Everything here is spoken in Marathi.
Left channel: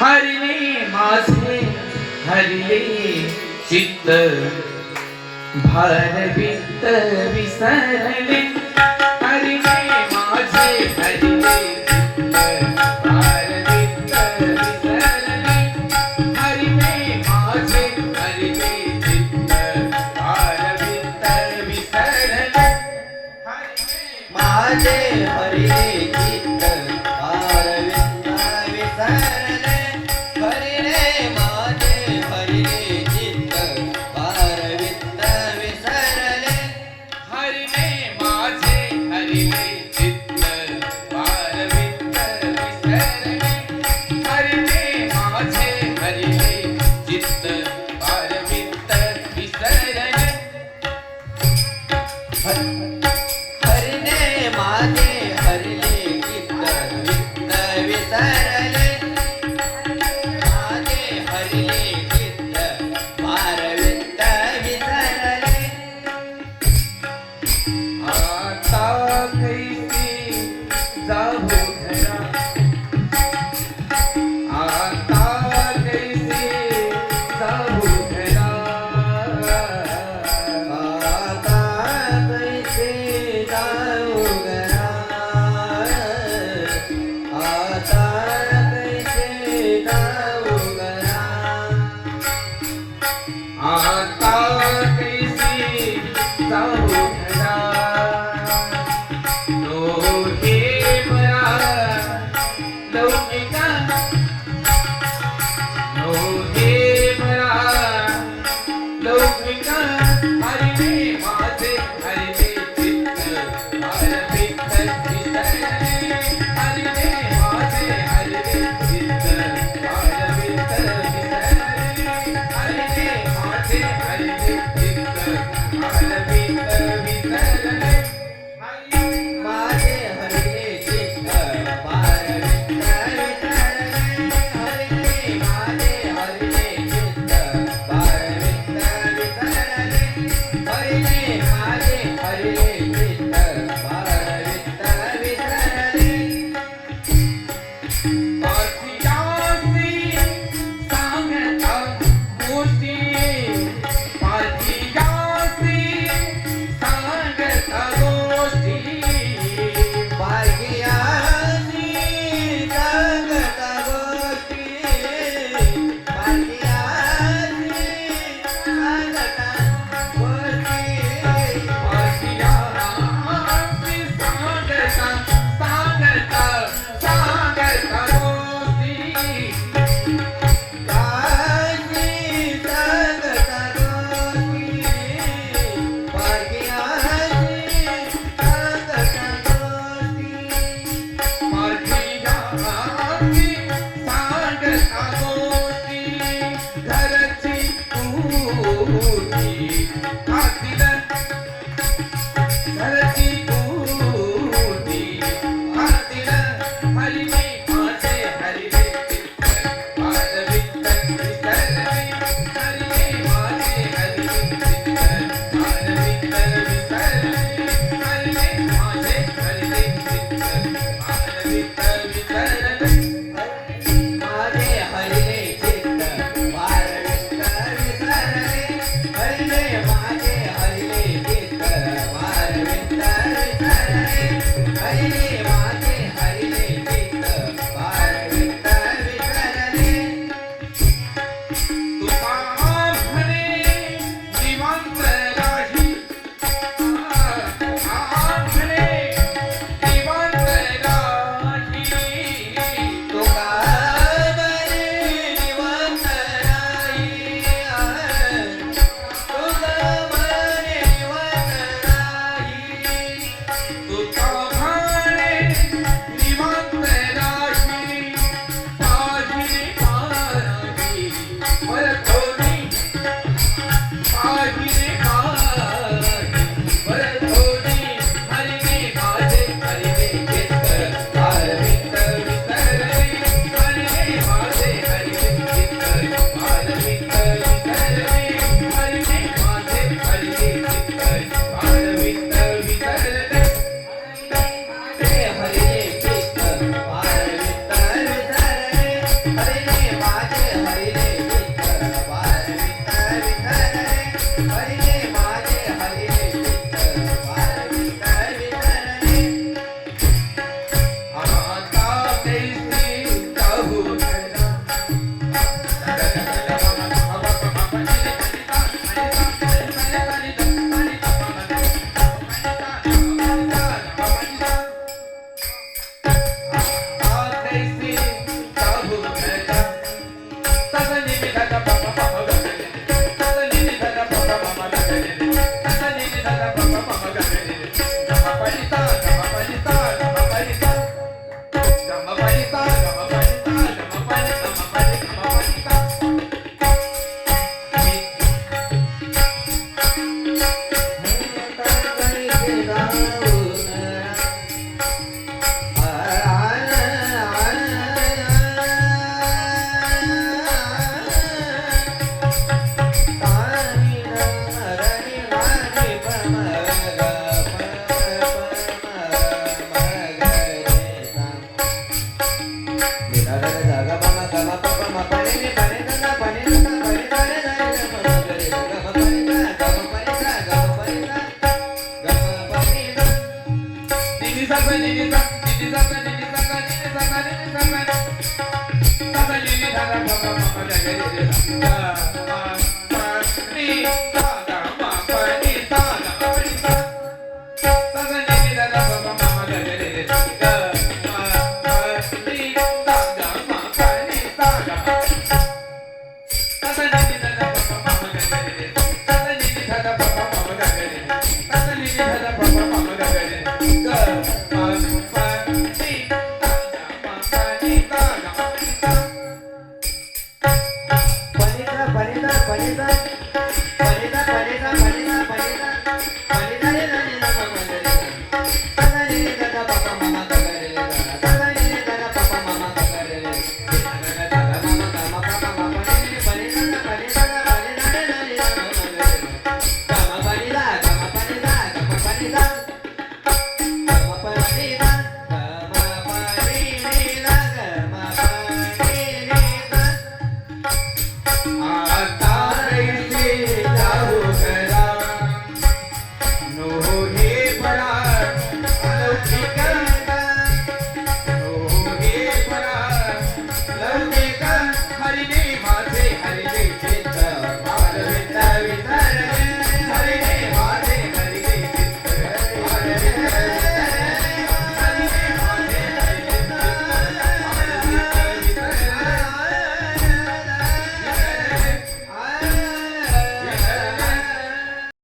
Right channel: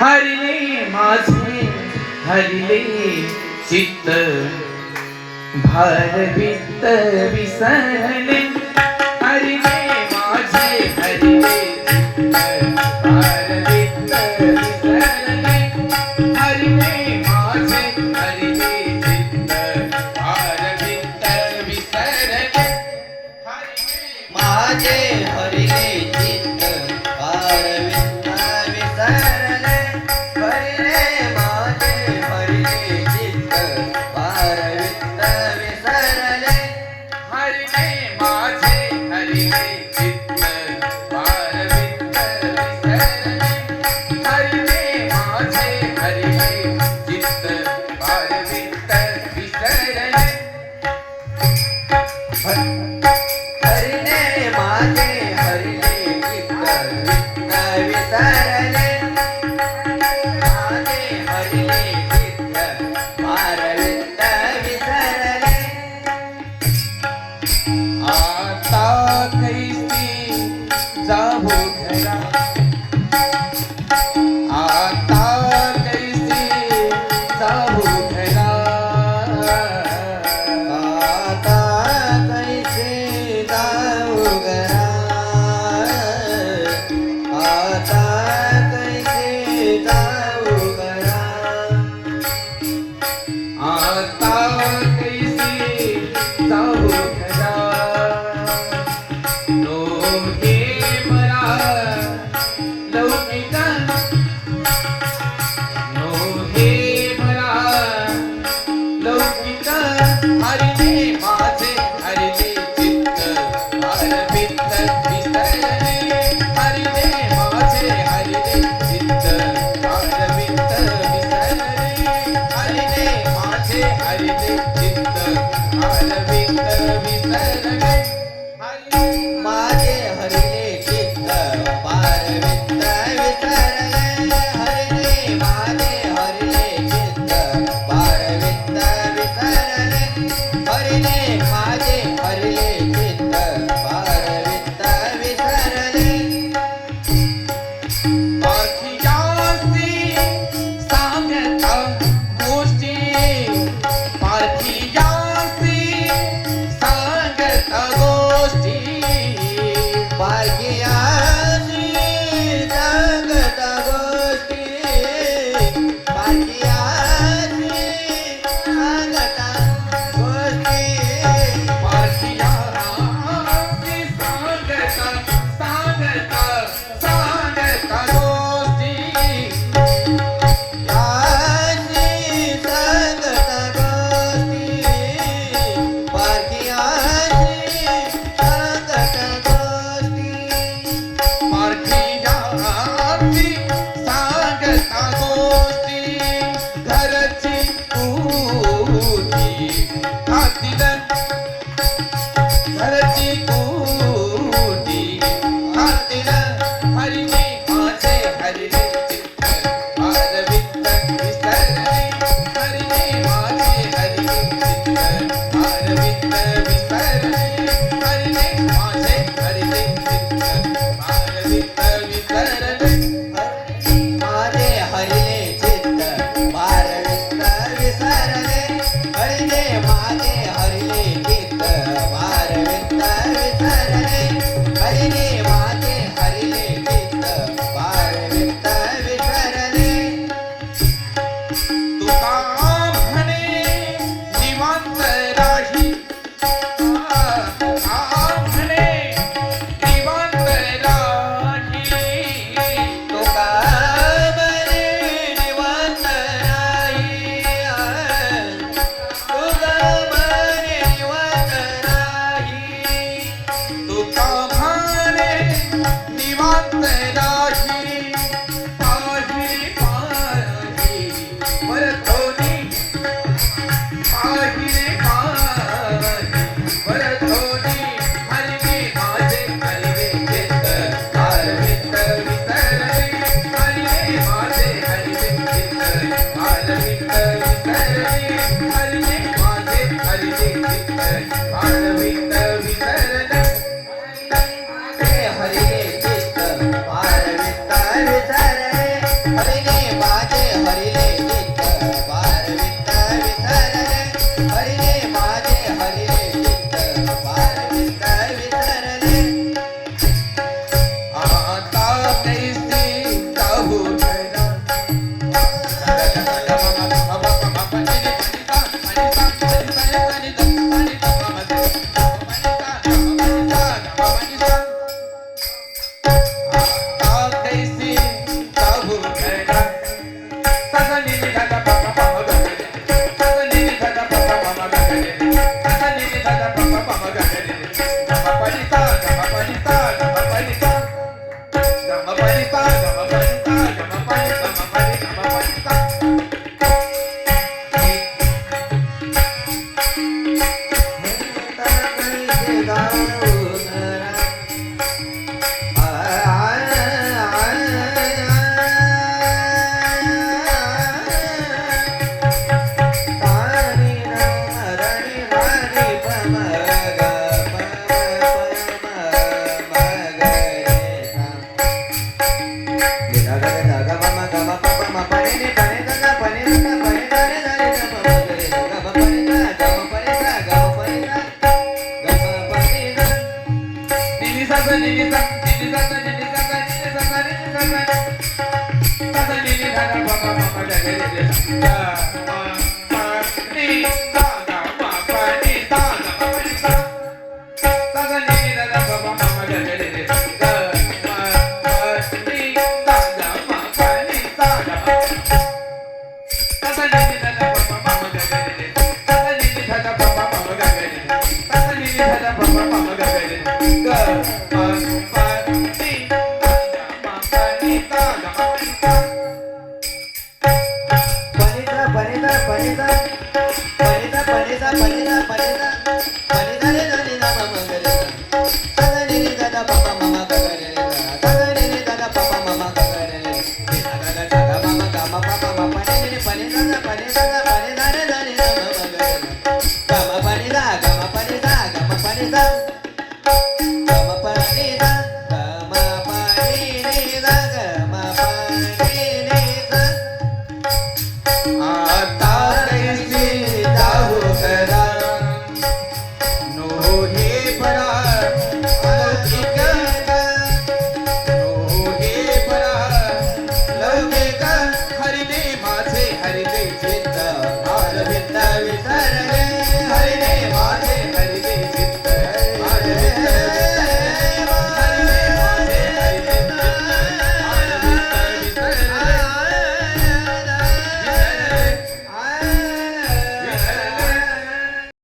हरिले माझे हरिले चित्त भारवित विसरले. हरिले माझे हरिले amor. tụi con Vai